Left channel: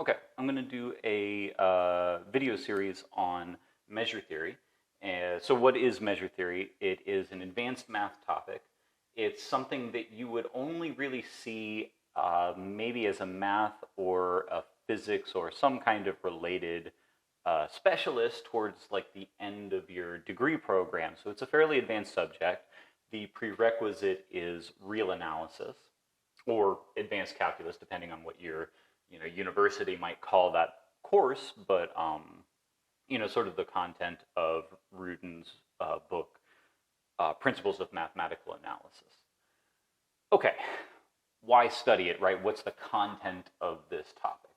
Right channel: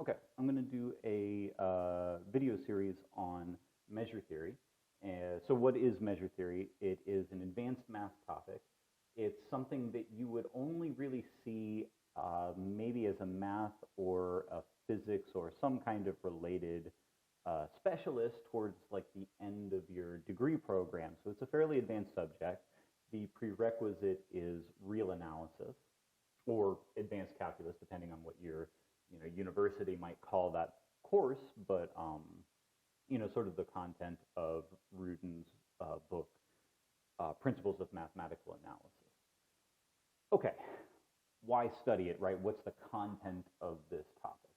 Okay, I'm going to do a video series on measure theory. So what is measure theory? It is an advanced math topic. It's something that you would only really see maybe as a math or a physics or some kind of related specialist towards like the end of your degree program. So it's a fairly advanced subject. The prerequisite is real analysis or advanced calculus, depending on what your university might call that course, but sort of the content of Rudin's book, Principles of Mathematical Analysis. Okay, why study it, right? What's the content of this topic?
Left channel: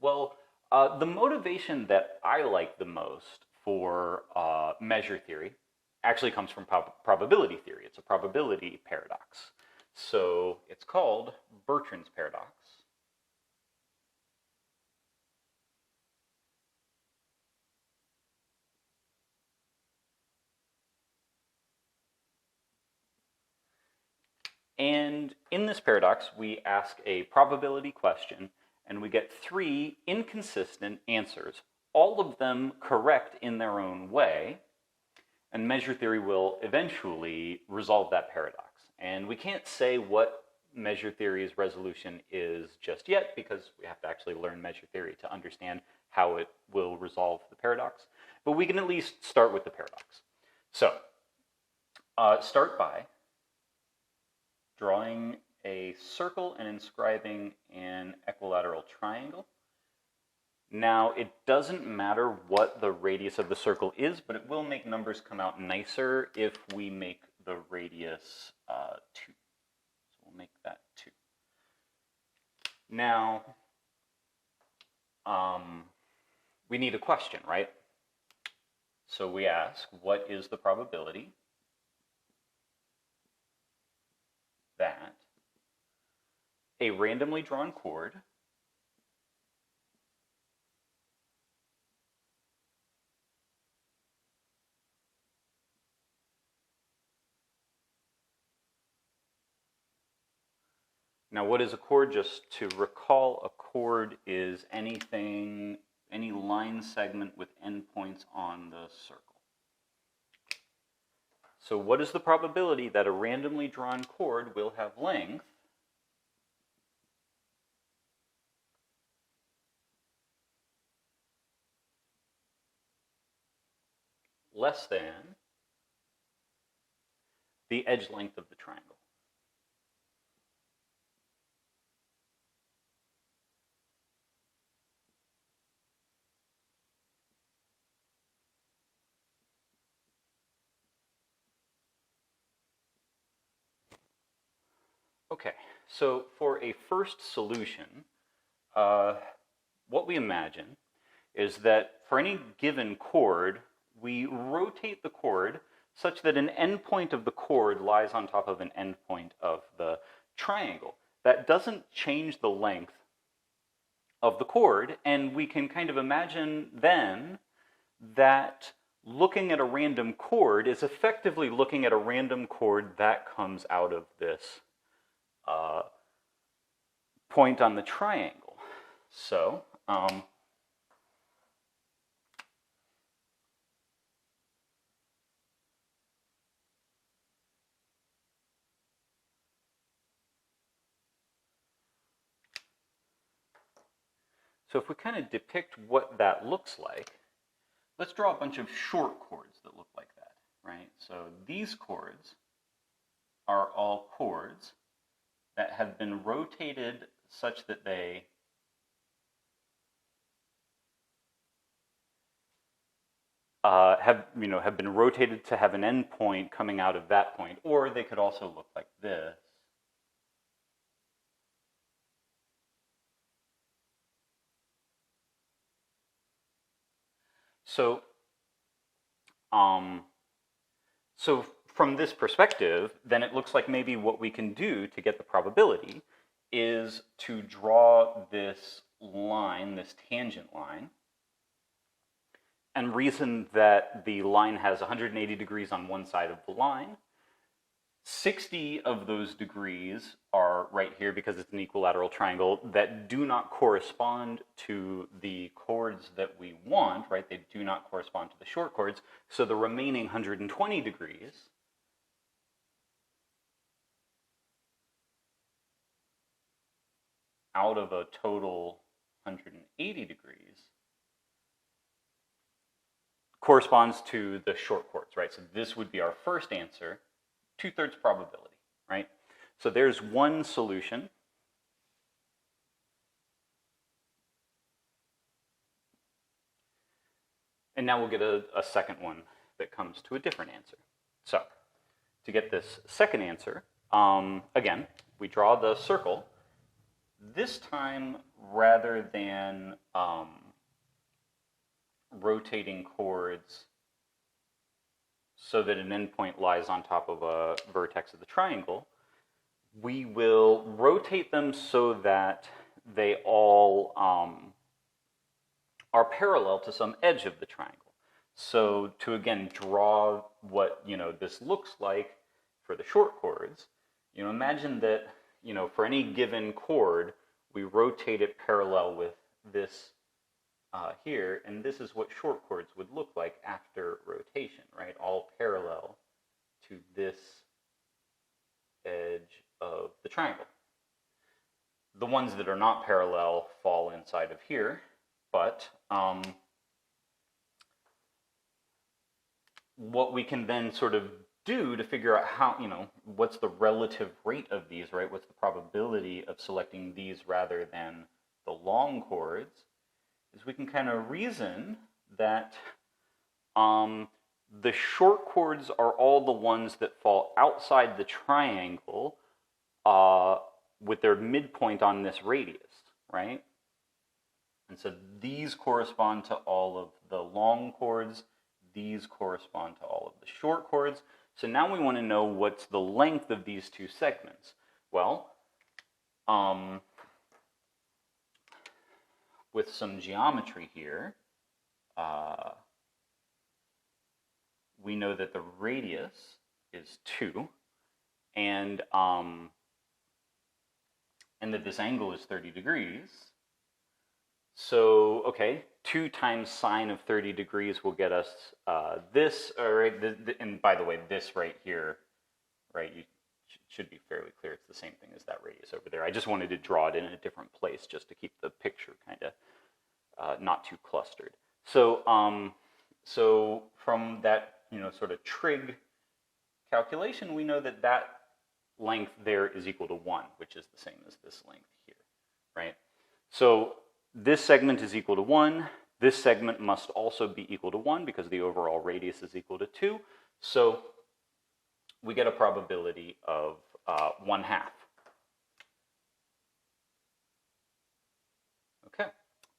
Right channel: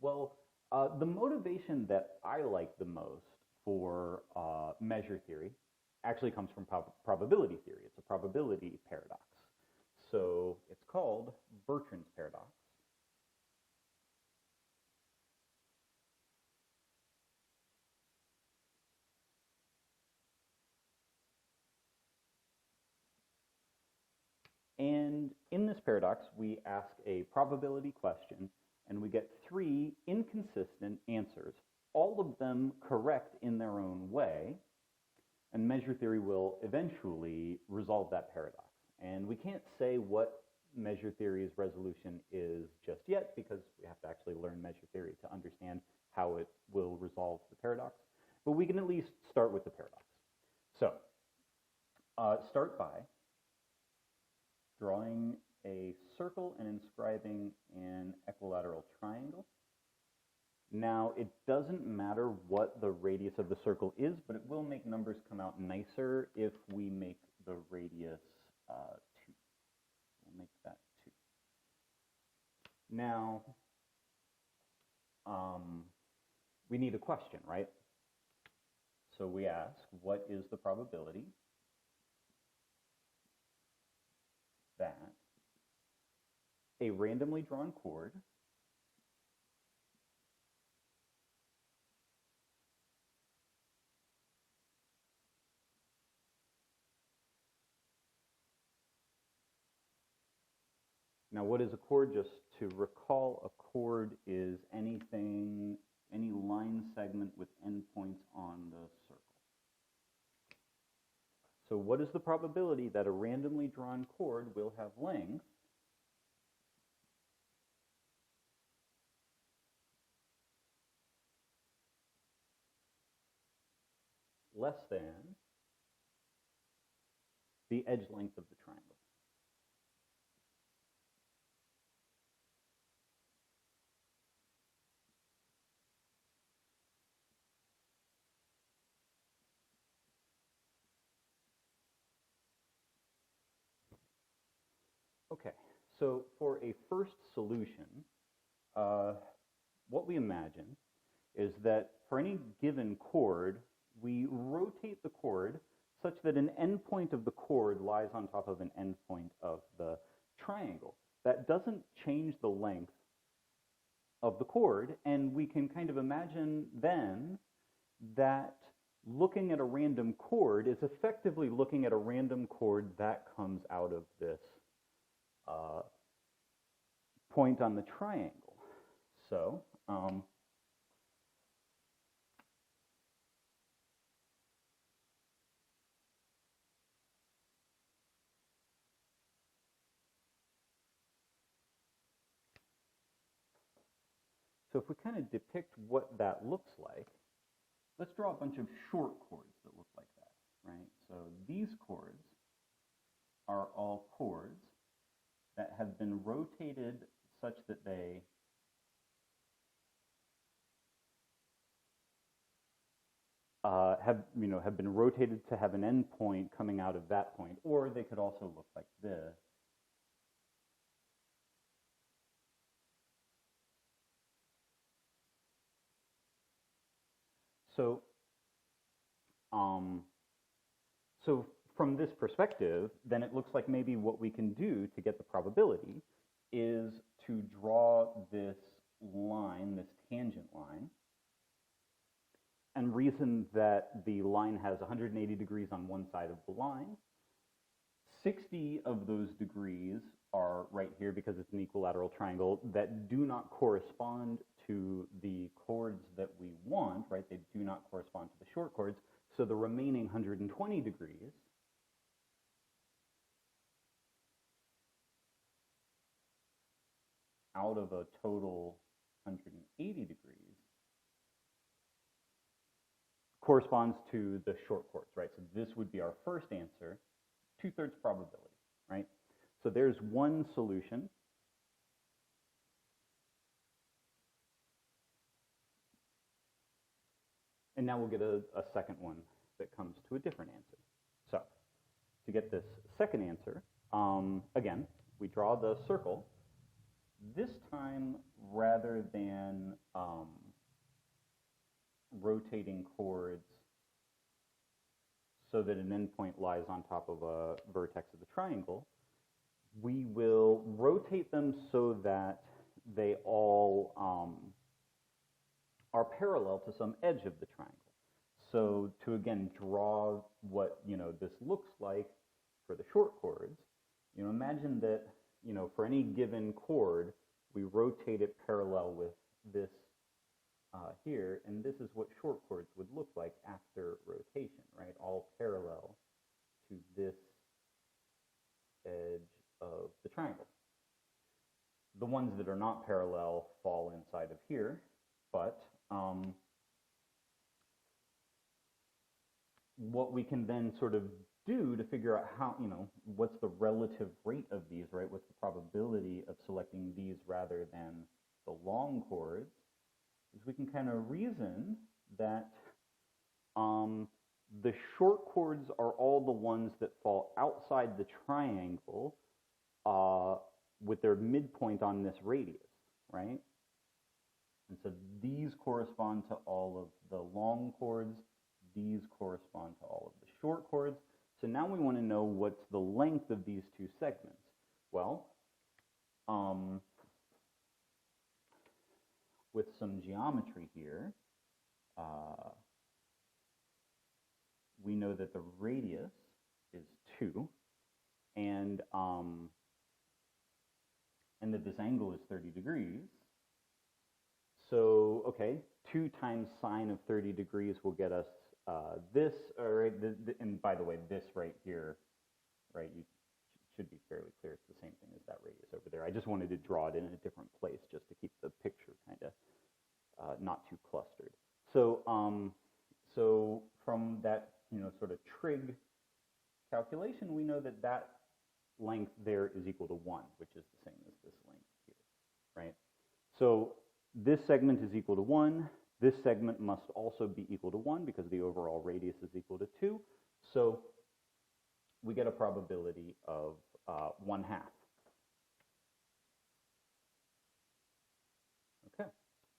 Well, the motivation that I like the most for measure theory actually comes from probability theory. It's a probability paradox. So it's called Bertrand's Paradox. And in this paradox, we ask a probability question, and we get three inconsistent answers, all of them correct in their own way, and measure theory will eventually resolve that paradox. And we can't say what measure theory's resolution is just yet, because we have to actually learn measure theory to understand how it will resolve the paradox. But we can at least start with the paradox. So, start by drawing a circle and inscribing an equilateral triangle. Now, it doesn't matter what the radius of the circle is, but it will make numbers come out nicer if we make the radius 2. So we'll make that 2. Now, we need a question, right? So we ask, what is the probability that a randomly drawn chord Now, what is a chord? Just to recall, a chord is anything, any line segment with endpoints on the circle. So what is the probability that a randomly drawn chord will have length less than the edge length of the triangle? Okay, so for a first solution, what we imagine is that for any given chord, we rotate the chord such that an endpoint of the chord lies on top of an endpoint of the triangle. That doesn't change the length of the chord, and we can kind of imagine then that looking at a random chord is effectively looking at a random chord that comes out of this point on the triangle. So, so if we kind of depict what that looks like, let's draw a bunch of short chords that look like that, right? So these chords are all chords that have been rotated such that they have been rotated to have an endpoint coming out of that point, or they could also look like this. So, so from this perspective, then it looks like maybe what we can do to get the probability is to draw this line, this tangent line, and reason that the line has 180 degrees on one side of the line 60 of those degrees are right here because it's an equilateral triangle that do not correspond to the chords that we want, right? They do not correspond to the short chords. So the remaining 120 degrees out of a total 180 degrees corresponds to the short chords, right? So this would be our first answer, 2/3 probability, right? So there's one solution. And now we'll get a second one that comes to a different answer. So to get this second answer, again, we draw the circle. This time, rather than rotating chords so that an endpoint lies on top of a vertex of the triangle, we will rotate them so that they all are parallel to some edge of the triangle. So to again draw what this looks like for the short chords, imagine that for any given chord we rotate it parallel with this here, and this is what short chords would look like after rotation, right? All parallel to this edge of the triangle. The ones that are not parallel fall inside of here, but what we can then sort of do to figure out how, what's the relative rate of these, right? What's the probability of selecting these rather than the long chords, is we can kind of reason that the short chords are all the ones that fall outside the triangle with their midpoint on this radius, right? And so these correspond to all of the long chords. These correspond to all of the short chords. So now we want to know what's the length of these two segments. Well, with some geometry here, we know that the radius is 2, and that this angle is 30 degrees. So, okay, 2 times sine of 30 degrees will get us this, right? And by the way, this right here, right, you should be fairly clear. It's the same thing as that radius over there. I just wanted to draw it in a different place just to keep the picture kind of not too clustered. So, so from that, sort of trig calculation, we know that that length there is equal to 1, which is the same as this length here, right? So this segment is equal to 1. This segment must also be equal to 1 because the overall radius is equal to 2. So we get a probability of 1/2. Okay,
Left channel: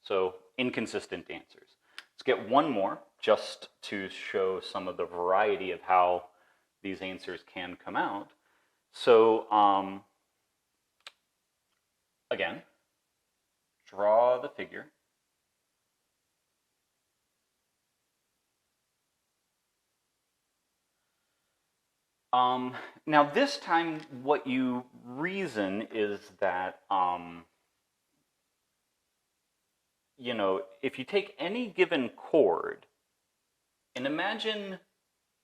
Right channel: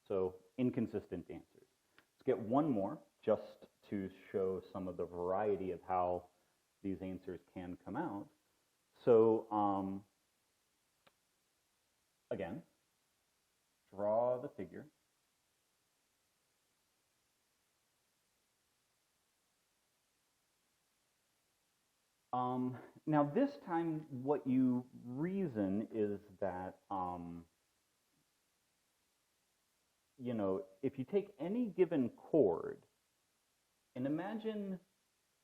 so inconsistent answers. Let's get one more just to show some of the variety of how these answers can come out. So again, draw the figure. Now this time what you reason is that, if you take any given chord and imagine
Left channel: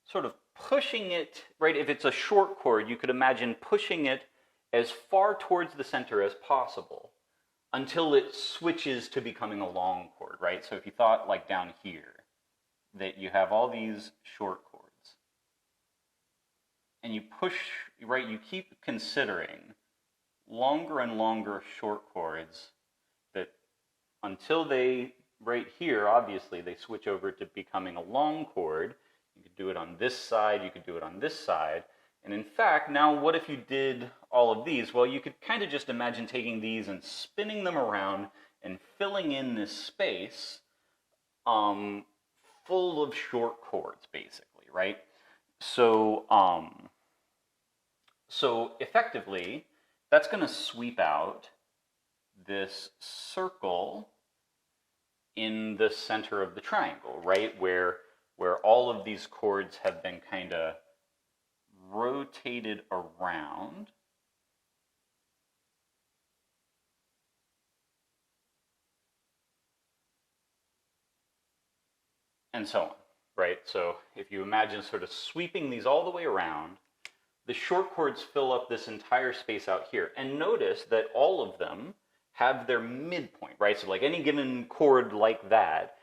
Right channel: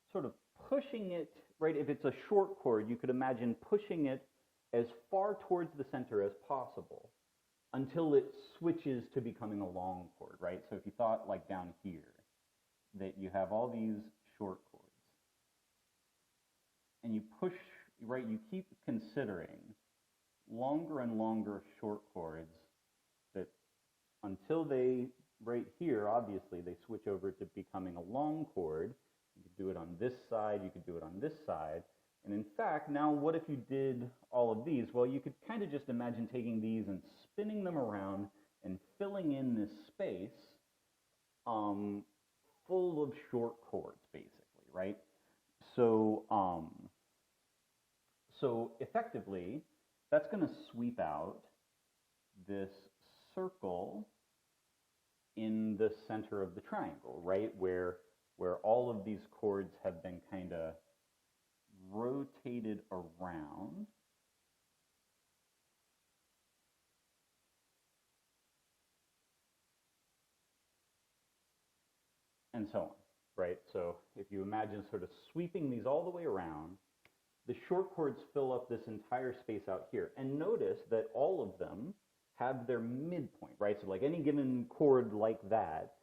sort of pushing it, right? If it's a short chord, you could imagine pushing it as far towards the center as possible until it switches to becoming a long chord, right? So if you thought like down here, that you have all these short chords, and you push, right, you keep considering longer and longer short chords that until they, right here, obviously, they switch over to becoming a long chord. You could do it on this side, you could do it on this side. And in fact, now what if you did all of these? Well, you could kind of just imagine taking these and spinning them around and filling in this space full of short chords, basically, right? So, so effectively, that's going to sweep out this circle in the center of the triangle, right? Where all of these chords have been kind of rotated around, and so on, right? So if you imagine sort of sweeping these all the way around, the short chords fill up this entire space out here. And notice that all of them have their midpoint, right? So like any given chord like that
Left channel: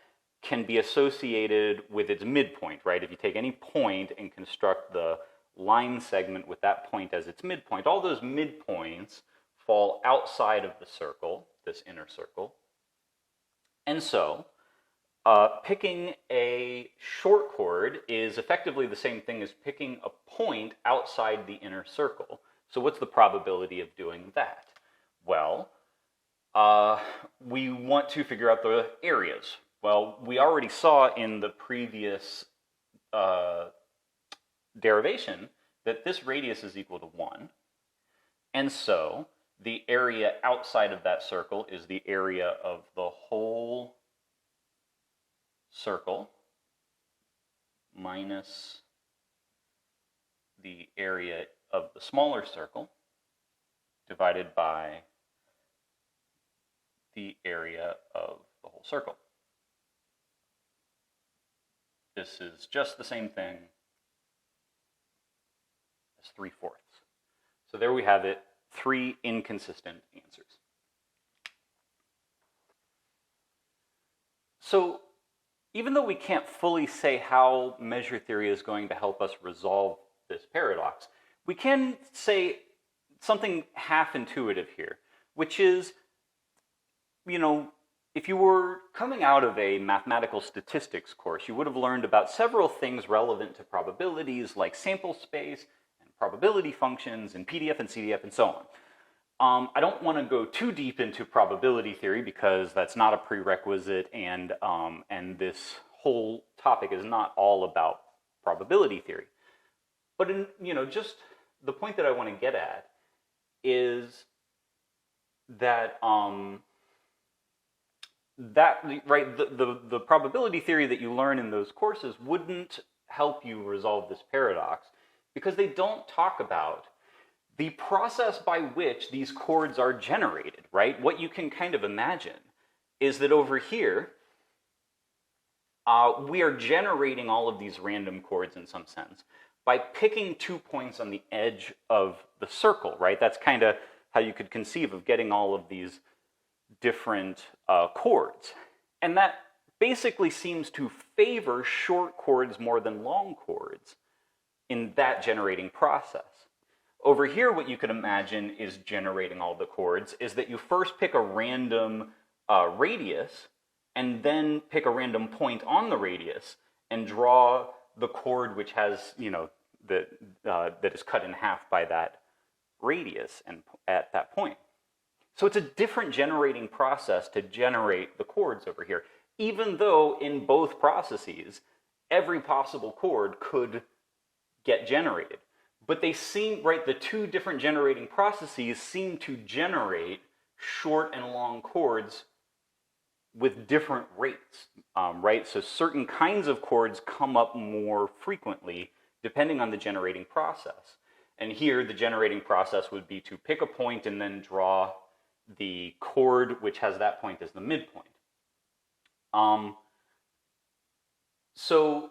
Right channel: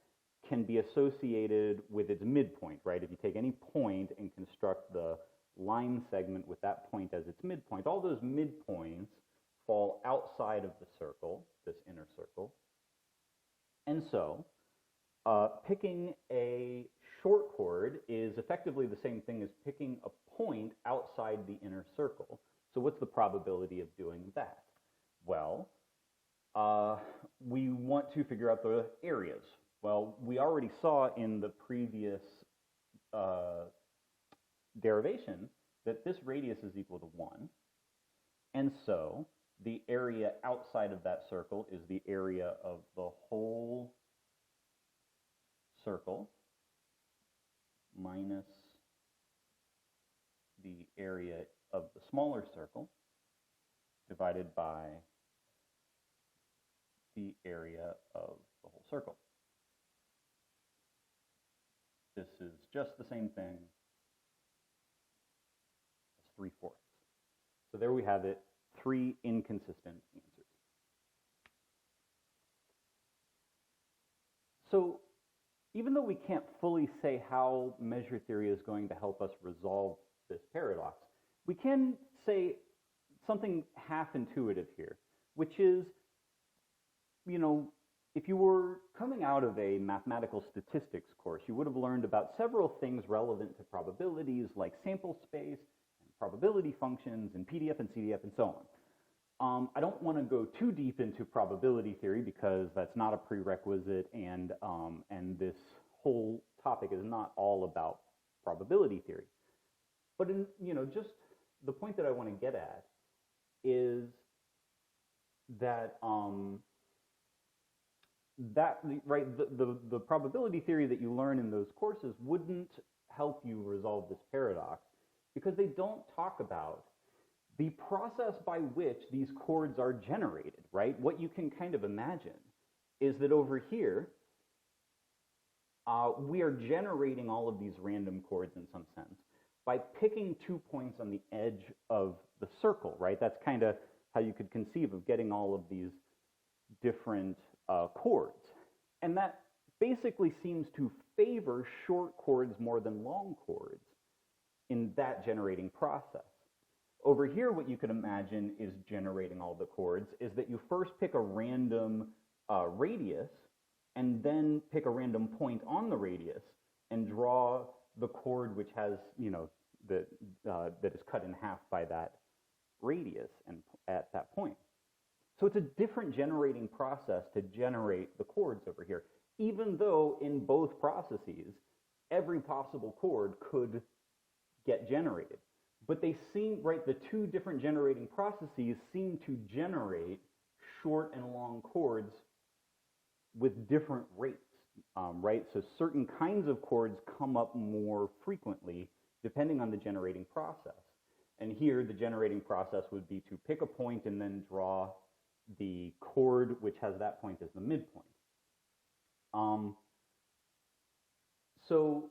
can be associated with its midpoint, right? If you take any point and construct the line segment with that point as its midpoint, all those midpoints fall outside of the circle, this inner circle. And so picking a short chord is effectively the same thing as picking a point outside the inner circle. So what's the probability of doing that? Well, we want to figure out the areas. Well, we already saw in the previous derivation that this radius is equal to 1. And so the area outside of that circle is the area of the whole circle minus the area of the smaller circle divided by the area of the whole circle. This is just the same thing as 3/4. So there we have it, 3 inconsistent answers. So even though we can't fully say how measure theory is going to help us resolve this paradox, we can say something half intuitive here, which is, you know, if you were coming out of a mathematical statistics course, you would have learned about several things relevant to probabilities like sample space and probability functions and PDF and CDF and so on. I don't want to go too deep into probability theory because that's not a prerequisite, and this whole topic is not all about probability theory. But just the point that I want to get at is that the probability theory that you learn in those courses wouldn't help you resolve this paradox because they don't talk about the process by which these chords are generated, right? What you can kind of imagine is that over here, we are generating all of these random chords in some sense by picking 2 points on the edge of the circle, right? That's kind of how you could conceive of getting all of these different chords. And that basically seems to favor short chords more than long chords in that generating process. Over here, what you could imagine is generating all the chords is that you first pick a random radius and then pick a random point on the radius and draw the chord which has, that is cut in half by that radius and at that point. So it's a different generating process to generate the chords over here, even though in both processes, every possible chord could get generated. But they seem, right, the two different generating processes seem to generate short and long chords with different rates, right? So certain kinds of chords come up more frequently depending on the generating process. And here, the generating process would be to pick a point and then draw the chord which has that point as the midpoint. So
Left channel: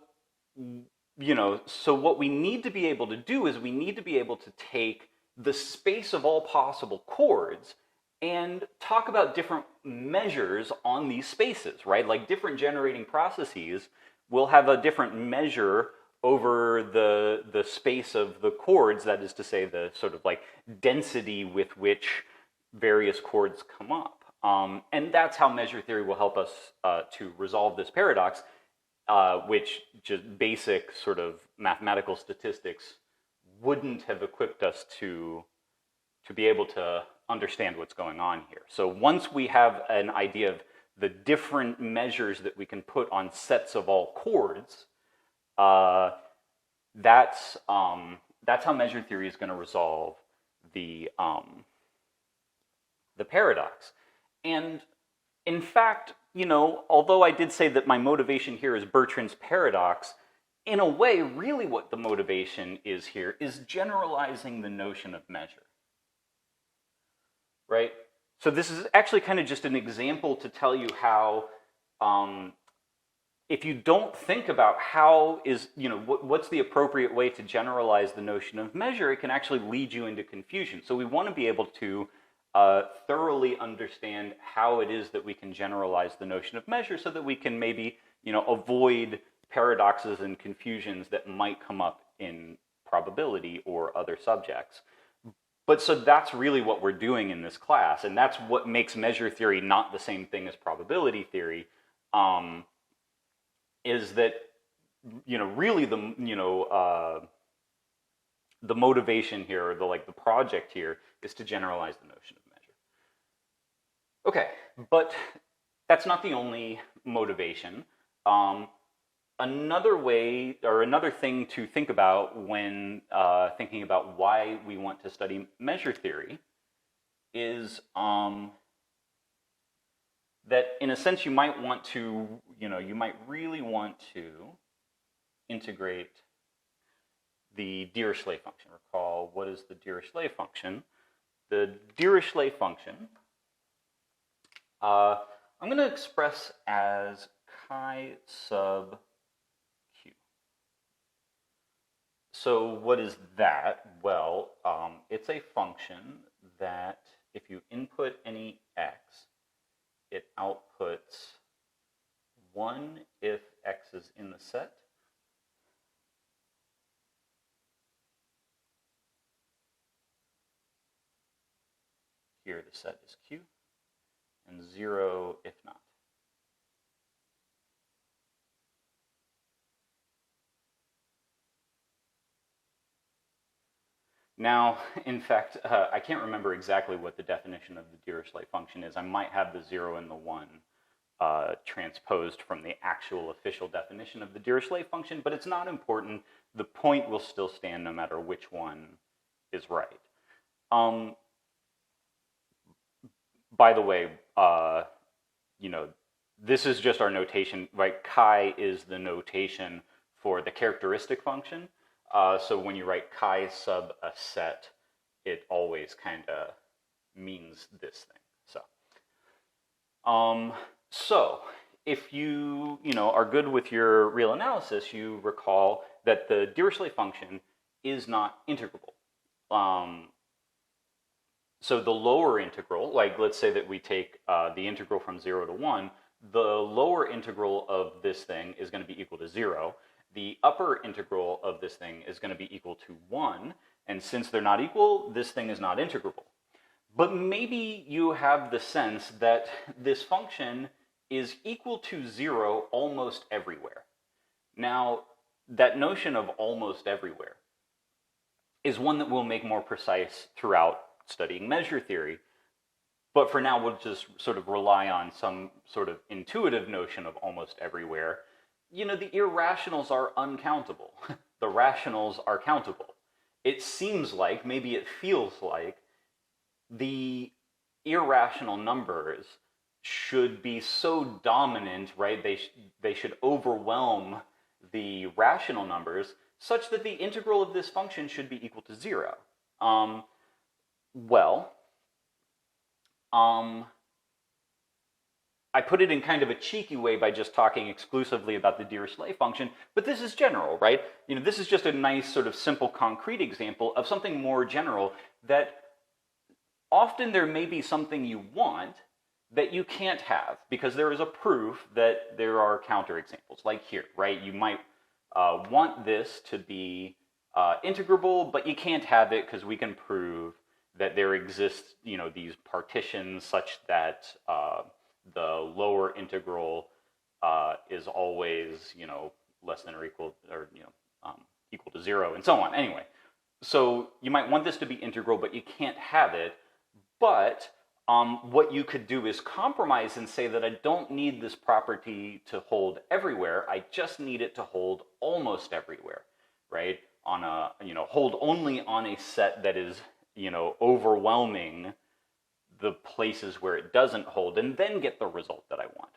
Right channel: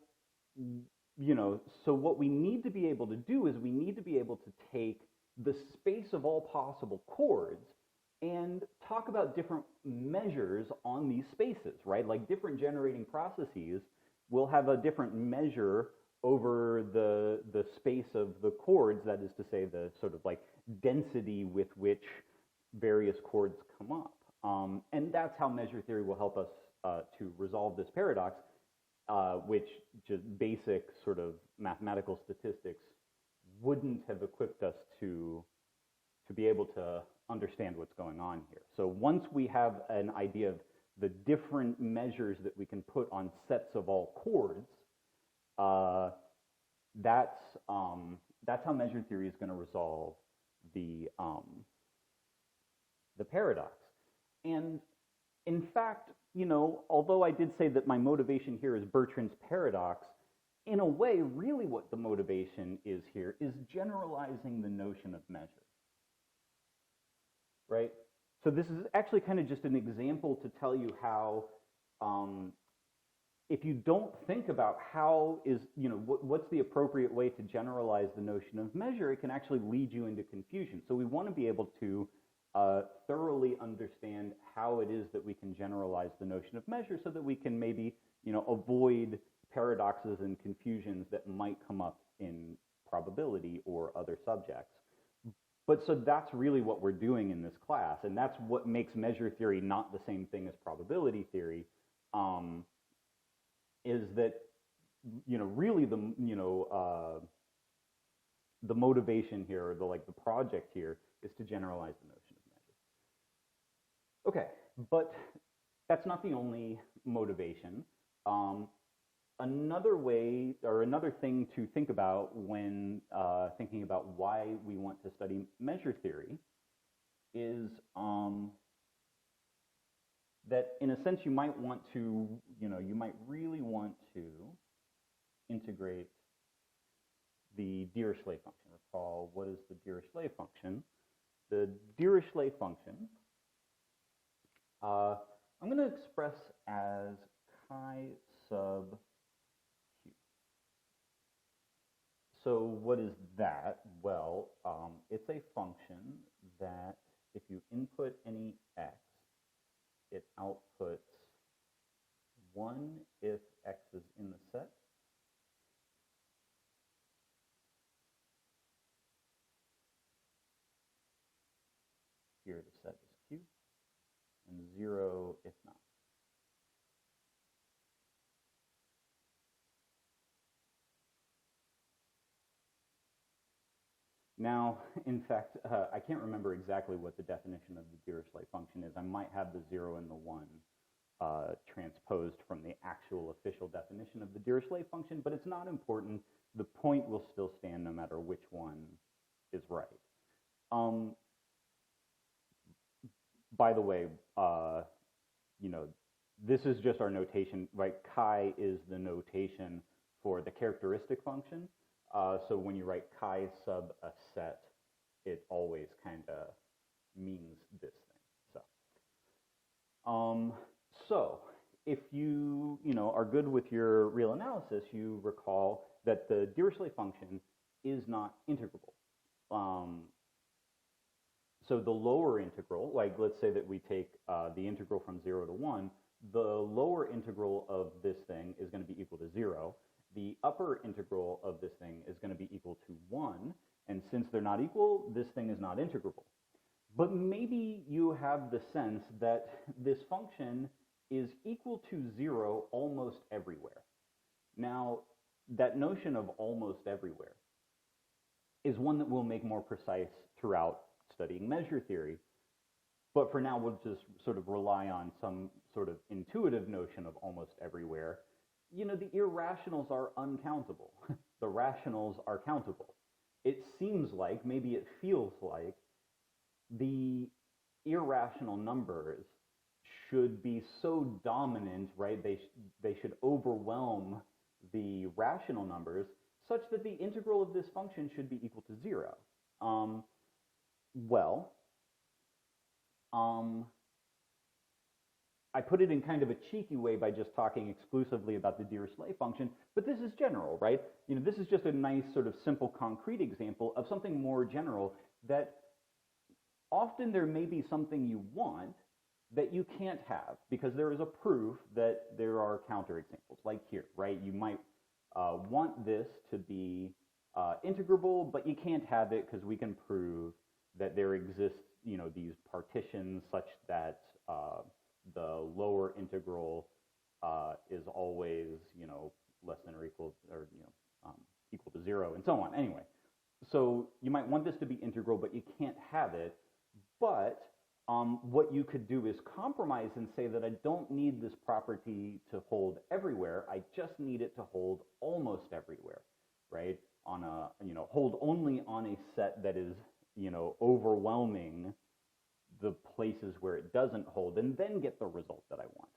what we need to be able to do is we need to be able to take the space of all possible chords and talk about different measures on these spaces, right? Like different generating processes will have a different measure over the space of the chords, that is to say the sort of like density with which various chords come up. And that's how measure theory will help us to resolve this paradox, which just basic sort of mathematical statistics wouldn't have equipped us to be able to understand what's going on here. So once we have an idea of the different measures that we can put on sets of all chords, that's how measure theory is going to resolve the paradox. And in fact, although I did say that my motivation here is Bertrand's paradox, in a way, really what the motivation is here is generalizing the notion of measure, right? So this is actually kind of just an example to tell you how, if you don't think about how is, what's the appropriate way to generalize the notion of measure, it can actually lead you into confusion. So we want to be able to thoroughly understand how it is that we can generalize the notion of measure so that we can maybe, avoid paradoxes and confusions that might come up in probability or other subjects. But so that's really what we're doing in this class, and that's what makes measure theory not the same thing as probability theory, is that, really the motivation here, or the project here, is to generalize the notion of measure. Okay, but that's not the only motivation. Another way, or another thing to think about when thinking about why we want to study measure theory is that in a sense you might want to, you might really want to integrate the Dirichlet function. Recall, what is the Dirichlet function? The Dirichlet function, I'm going to express as chi sub q. So what is that? Well, it's a function that if you input any x, it outputs 1 if x is in the set, here the set is q, and 0 if not. Now, in fact, I can't remember exactly what the definition of the Dirichlet function is. I might have the 0 and the 1 transposed from the actual official definition of the Dirichlet function, but it's not important. The point will still stand no matter which one is right. By the way, this is just our notation, right? Chi is the notation for the characteristic function. So when you write chi sub a set, it always kind of means this thing. So if you are good with your real analysis, you recall that the Dirichlet function is not integrable. So the lower integral, like let's say that we take the integral from 0 to 1, the lower integral of this thing is going to be equal to 0. The upper integral of this thing is going to be equal to 1, and since they're not equal, this thing is not integrable. But maybe you have the sense that this function is equal to 0 almost everywhere. Now, that notion of almost everywhere is one that we'll make more precise throughout studying measure theory, but for now we'll just sort of rely on some sort of intuitive notion of almost everywhere. The irrationals are uncountable. The rationals are countable. It seems like, maybe it feels like, the irrational numbers should be so dominant, right? They should overwhelm the rational numbers such that the integral of this function should be equal to 0. I put it in kind of a cheeky way by just talking exclusively about the Dirichlet function, but this is general, right? This is just a nice sort of simple concrete example of something more general, that often there may be something you want that you can't have because there is a proof that there are counterexamples, like here, right? You might want this to be integrable, but you can't have it because we can prove that there exists, these partitions such that the lower integral is always, less than or equal, or equal to 0, and so on. Anyway, so you might want this to be integral, but you can't have it. But what you could do is compromise and say that I don't need this property to hold everywhere. I just need it to hold almost everywhere, right? On a, hold only on a set that is, overwhelming the places where it doesn't hold, and then get the result that I want.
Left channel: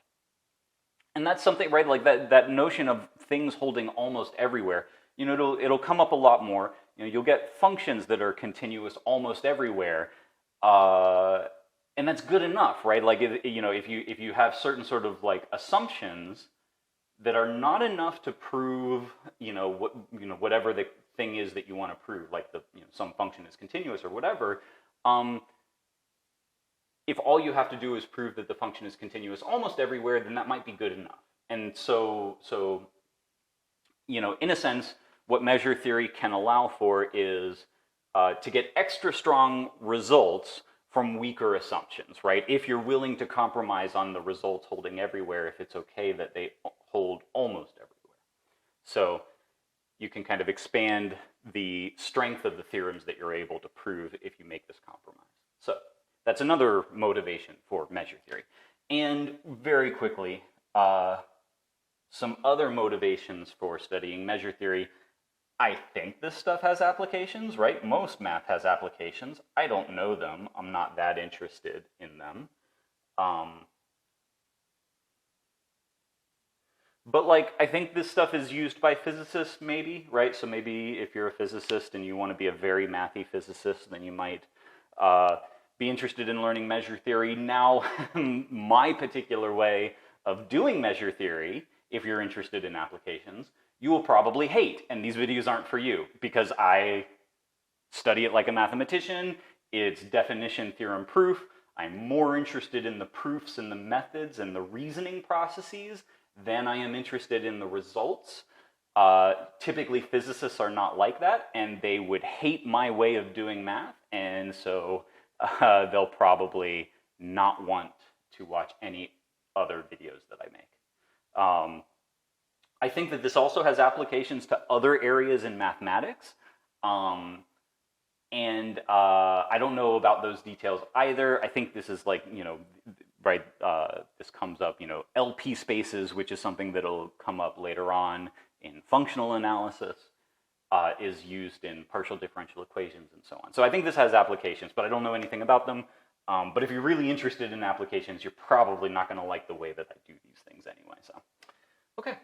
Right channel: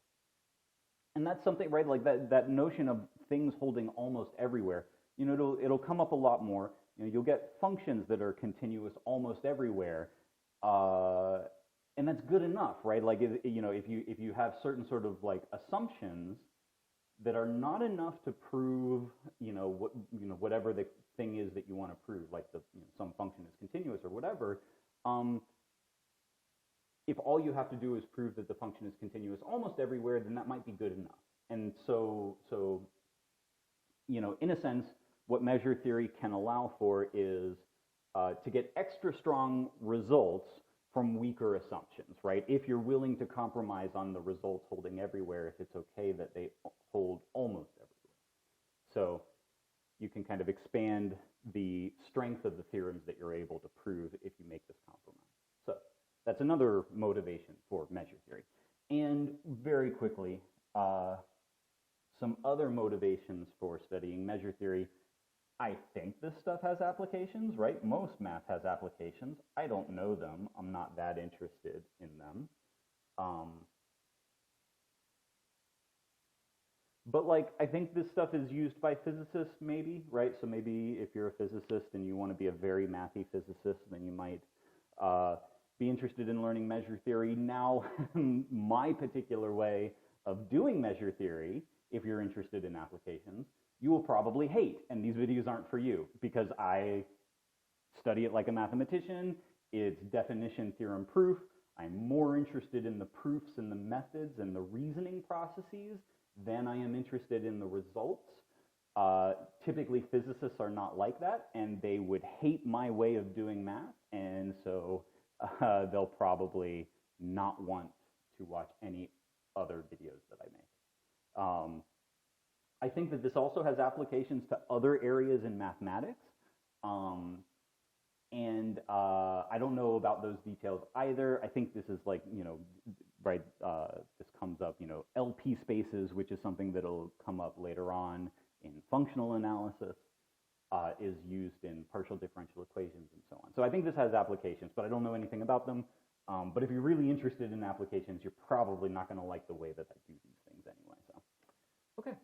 And that's something, right? Like that notion of things holding almost everywhere. You know, it'll come up a lot more. You know, you'll get functions that are continuous almost everywhere, and that's good enough, right? Like, you know, if you have certain sort of like assumptions that are not enough to prove, you know, whatever the thing is that you want to prove, like some function is continuous or whatever. If all you have to do is prove that the function is continuous almost everywhere, then that might be good enough. And so you know, in a sense, what measure theory can allow for is to get extra strong results from weaker assumptions, right? If you're willing to compromise on the results holding everywhere, if it's okay that they hold almost everywhere. So you can kind of expand the strength of the theorems that you're able to prove if you make this compromise. So that's another motivation for measure theory. And very quickly, some other motivations for studying measure theory. I think this stuff has applications, right? Most math has applications. I don't know them. I'm not that interested in them. But like, I think this stuff is used by physicists maybe, right? So maybe if you're a physicist and you want to be a very mathy physicist, then you might be interested in learning measure theory. Now, my particular way of doing measure theory, if you're interested in applications, you will probably hate, and these videos aren't for you, because I study it like a mathematician. It's definition, theorem, proof. I'm more interested in the proofs and the methods and the reasoning processes than I am interested in the results. Typically, physicists are not like that, and they would hate my way of doing math, and so they'll probably not want to watch any other videos that I make. I think that this also has applications to other areas in mathematics. And I don't know about those details either. I think this is like, you know, right, this comes up, you know, LP spaces, which is something that'll come up later on in functional analysis, is used in partial differential equations and so on. So I think this has applications, but I don't know anything about them. But if you're really interested in applications, you're probably not going to like the way that I do these things anyway. So, okay.